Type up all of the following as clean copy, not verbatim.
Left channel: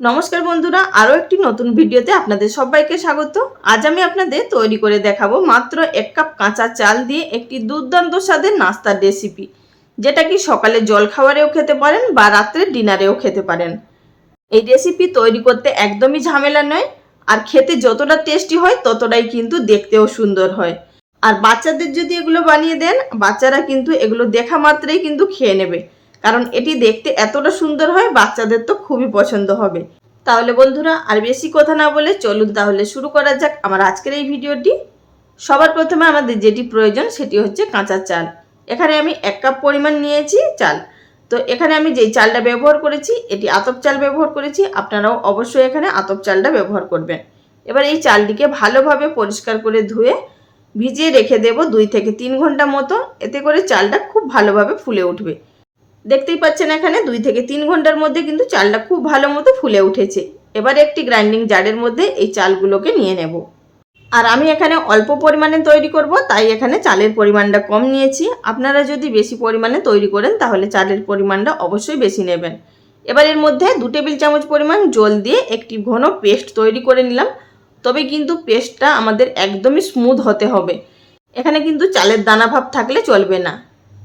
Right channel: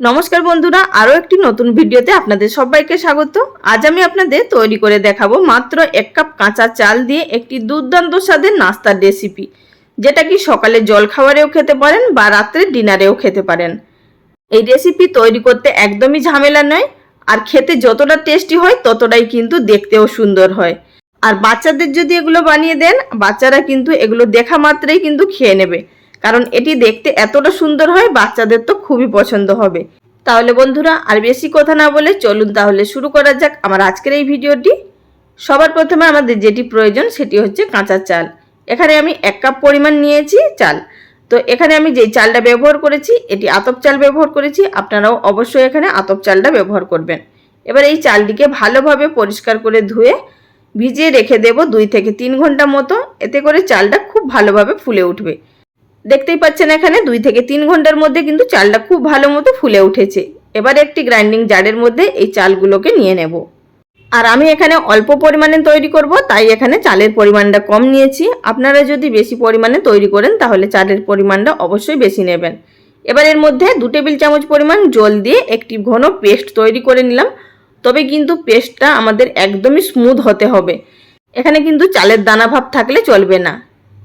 নমস্কার বন্ধুরা, আরও একটি নতুন ভিডিওতে আপনাদের সবাইকে স্বাগত। আজ আমি আপনাদের তৈরি করে দেখাবো মাত্র 1 কাপ কাঁচা চাল দিয়ে একটি দুর্দান্ত স্বাদের নাস্তার রেসিপি, যেটা কি সকালে জলখাবারেও খেতে পারেন বা রাত্রে ডিনারেও খেতে পারেন। এই রেসিপি তৈরি করতে একদমই ঝামেলা নয়, আর খেতে যতটা টেস্টি হয় ততটাই কিন্তু দেখতেও সুন্দর হয়। আর বাচ্চাদের যদি এগুলো বানিয়ে দেন, বাচ্চারা কিন্তু এগুলো দেখা মাত্রই কিন্তু খেয়ে নেবে, কারণ এটি দেখতে এতটা সুন্দর হয়, বাচ্চাদের তো খুবই পছন্দ হবে। তাহলে বন্ধুরা আর বেশি কথা না বলে চলুন তাহলে শুরু করা যাক আমার আজকের এই ভিডিওটি। সবার প্রথমে আমাদের যেটি প্রয়োজন সেটি হচ্ছে কাঁচা চাল। এখানে আমি 1 কাপ পরিমাণ নিয়েছি চাল। তো এখানে আমি যেই চালটা ব্যবহার করেছি এটি আতপ চাল ব্যবহার করেছি, আপনারাও অবশ্যই এখানে আতপ চালটা ব্যবহার করবেন। এবার এই চালটিকে ভালোভাবে পরিষ্কার করে ধুয়ে ভিজিয়ে রেখে দেব 2 থেকে 3 ঘন্টা মতো। এতে করে চালটা খুব ভালোভাবে ফুলে উঠবে। দেখতেই পাচ্ছেন এখানে 2 থেকে 3 ঘন্টার মধ্যে কিন্তু চালটা খুব ভালো মতো ফুলে উঠেছে। এবার একটি গ্রাইন্ডিং জারের মধ্যে এই চালগুলোকে নিয়ে নেব। আর আমি এখানে অল্প পরিমাণে তৈরি করব, তাই এখানে চালের পরিমাণটা কম নিয়েছি। আপনারা যদি বেশি পরিমাণে তৈরি করেন তাহলে চালের পরিমাণটা অবশ্যই বেশি নেবেন। এবার এর মধ্যে 2 টেবিল চামচ পরিমাণ জল দিয়ে একটি ঘন পেস্ট তৈরি করে নিলাম। তবে কিন্তু পেস্টটা আমাদের একদমই স্মুথ হতে হবে, এখানে কিন্তু চালের দানা ভাব থাকলে চলবে না।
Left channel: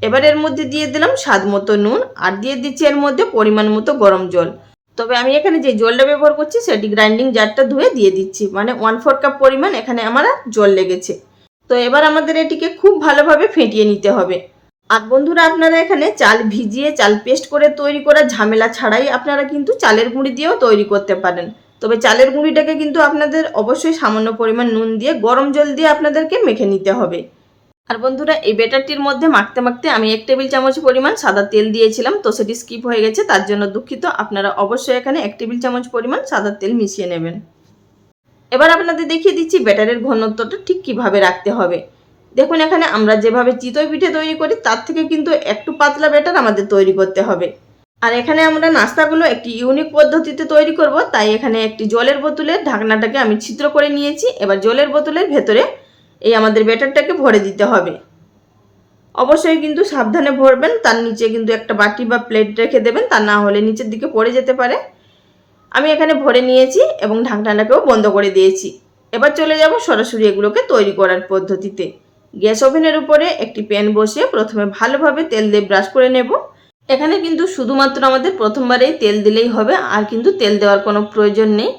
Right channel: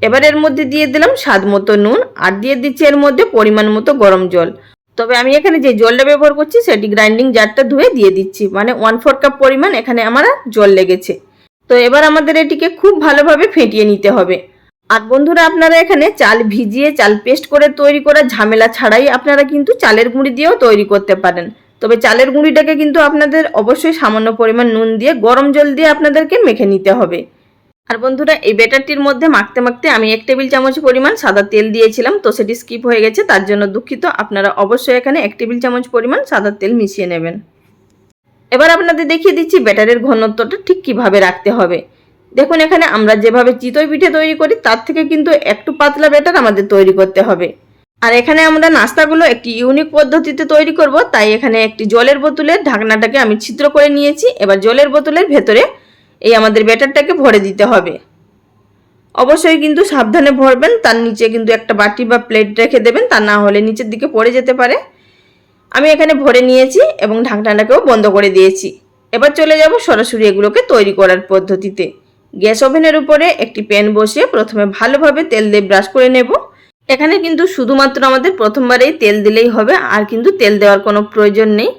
এবার এর মধ্যে দিয়ে দিলাম স্বাদ মতো নুন, আর দিয়ে দিচ্ছি এর মধ্যে পরিমাণ মতো গরম জল। তবে আমি এখানে যে জলটা ব্যবহার করছি সেটি গ্রাইন্ডিং জারটা ধুয়ে দিয়ে দিচ্ছি, মানে 1/4 কাপ পরিমাণ এখানে আমার জল লেগেছে। তো এবার আমাদের এটিকে খুব ভালোভাবে ফেটিয়ে নিতে হবে। আর বন্ধুরা, আপনারা এখানে চাল ভিজিয়ে চাল পেস্ট করে তৈরি করা ঝামেলা ছাড়াই আপনারা কিন্তু চালের গুঁড়ি দিয়েও তৈরি করতে পারেন। তবে চালের গুঁড়িটাকে কিন্তু আপনাদের অবশ্যই সামান্য পরিমাণ নুন দিয়ে গরম জল দিয়ে আপনাদেরকে মেখে নিতে হবে। আর বন্ধুরা, এই ব্যাটারটির মধ্যে মাখতে মাখতে আমি 1 টেবিল চামচ পরিমাণ সাদা তেল দিয়েছিলাম, তো সেটি স্কিপ হয়ে গেছে, তার জন্য দুঃখিত। আপনারা অবশ্যই এখানে 1 টেবিল চামচ পরিমাণ সাদা তেল মিশিয়ে নেবেন। এবার আপনাদের দেখিয়ে দিচ্ছি ব্যাটারের ঘনত্বটা ঠিক কিভাবে রাখতে হবে। দেখুন, এখানে আমরা যেভাবে চিতই পিঠে তৈরি করি তার থেকে কিন্তু একটু পাতলা ব্যাটার আমাদের তৈরি করতে হবে। আর এখানে আমরা নাস্তাগুলো একটি ইউনিক পদ্ধতিতে তৈরি করব, তাই এখানে একটি জলের বোতলের ঢাকনাটাকে আমি ছিদ্র করে নিয়েছি। এবার জলের বোতলের ভেতরে এই আমাদের ব্যাটারটাকে ভরে দিতে হবে। অবশ্যই কিন্তু সাবধানে ভরবেন, তার নিচে কিন্তু একটা বাটি বা প্লেট রেখে দেবেন, তা না হলে নিচের দিকে পড়ে যেতে পারে। আমি এখানে ভরে নিয়েছি এবং ঢাকনাটাকেও বন্ধ করে দিয়েছি। এবার চলে যাব সরাসরি এগুলোকে তৈরি করার পদ্ধতিতে। গ্যাস ওভেনের উপরে একটি প্যান বসিয়ে প্রথমে ভালোভাবে তেল দিয়ে ব্রাশ করে নেব। এখানে কিন্তু শুধুমাত্র আমাদের প্রথমবারেই তেল দিলেই হবে, আর কিন্তু তেল দেওয়ার কোনো প্রয়োজন নেই।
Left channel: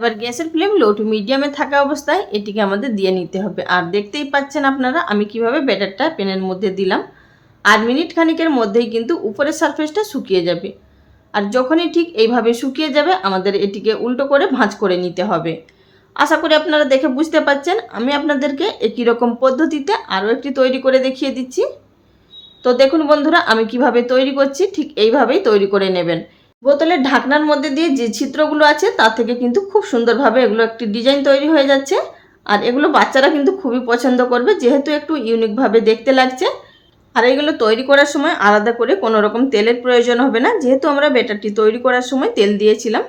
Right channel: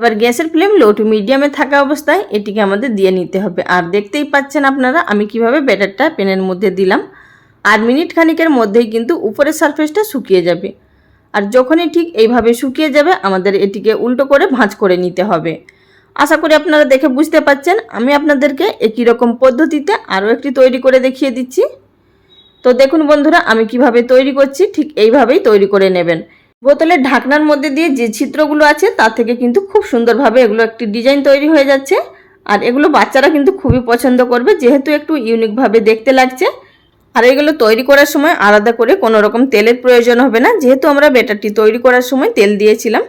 এবার গ্যাসের ফ্লেম লো টু মিডিয়ামে থাকা অবস্থায় এটিকে আমাদের দিয়ে নিতে হবে। আর দেখতেই পাচ্ছেন আপনারা আমি কিভাবে ব্যাটারটা প্যানের মধ্যে দিলাম। আর মিনিট খানিকের মধ্যেই কিন্তু উপরের সারফেসটা শুকিয়ে যাবে। আর যখনই ঠিক এইভাবে শুকিয়ে যাবে আমাদের এটিকে উল্টো করে ভাঁজ করে নিতে হবে। আশা করি আপনারা দেখে বুঝতে পাচ্ছেন। আমি আপনাদেরকে একই রকম পদ্ধতিতে আরও একটি তৈরি করে দেখিয়ে দিচ্ছি। তো দেখুন বন্ধুরা, আমি কিভাবে তৈরি করছি, ঠিক এইভাবেই তৈরি করে নেবেন। বোতলের ঢাকনার মধ্যে দিয়ে যে ছিদ্রগুলো আছে তার থেকে কিন্তু খুব সুন্দরভাবে এগুলো একটি ডিজাইন তৈরি হয়ে যাচ্ছে। আর এগুলো বাচ্চারা কিন্তু খুবই পছন্দ করবে, যেহেতু একটু ইউনিকভাবে দেখতে লাগছে। আর এগুলো তৈরি করার সময় আলাদা করে কোনো রকম তেলের প্রয়োজন হবে না, যেহেতু আমরা ব্যাটারটি তৈরি করার সময় তেল দিয়েছিলাম।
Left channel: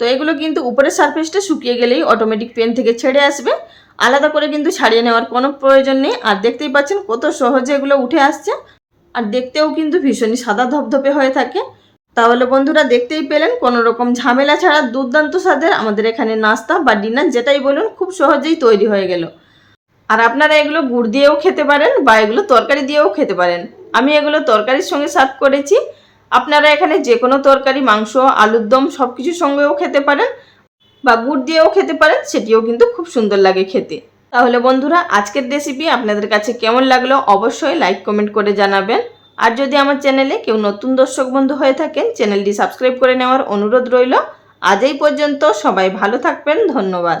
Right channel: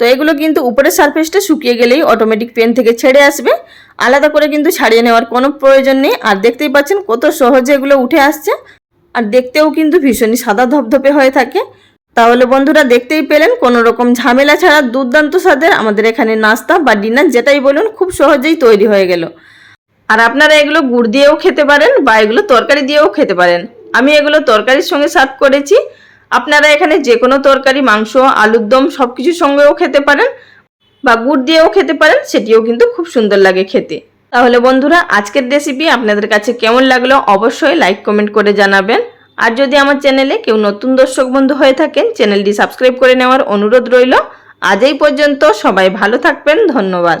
তো এগুলো কিন্তু উপরের সারফেসটা শুকিয়ে গেলেই অটোমেটিক প্যান থেকে ছেড়ে আসবে, আলাদা করে কিন্তু ছাড়িয়ে নেওয়ার কোনো প্রয়োজন নেই। আর দেখতেই পাচ্ছেন কত সহজে এগুলো উঠে আসছে, আর দেখতেও কিন্তু ভীষণই সাদা ধপধপে হয়ে থাকে। তাহলে বন্ধুরা, দেখতেই পেলেন কোনো রকম ঝামেলা ছাড়া দুর্দান্ত স্বাদের আমাদের এখানে নাস্তা বা ডিনার যেটাই বলুন খুব সহজেই তৈরি হয়ে গেল। আর আপনারা এগুলো গুড় দিয়েও খেতে পারেন বা এগুলো তরকারি দিয়েও খেতে পারেন। আমি এগুলো তরকারির সঙ্গে সার্ভ করেছি। আপনারা এখানে যে কোনো তরকারি, মাংস, আলুর দম সব কিছুর সঙ্গেও খেতে পারেন বা গুড় দিয়েও খেতে পারেন, সেটিও কিন্তু খুব সুন্দর লাগে খেতে। তাহলে বন্ধুরা, আজকের রেসিপি আপনাদের কাছে কেমন লাগলো অবশ্যই লাইক কমেন্ট করে জানাবেন। আর যদি আমার চ্যানেলে কেউ নতুন দর্শক বন্ধু হয়ে থাকেন, চ্যানেলটি সাবস্ক্রাইব করে নেওয়ার অনুরোধ রইল। আজ এই পর্যন্ত, সবাই ভালো থাকবেন, ধন্যবাদ।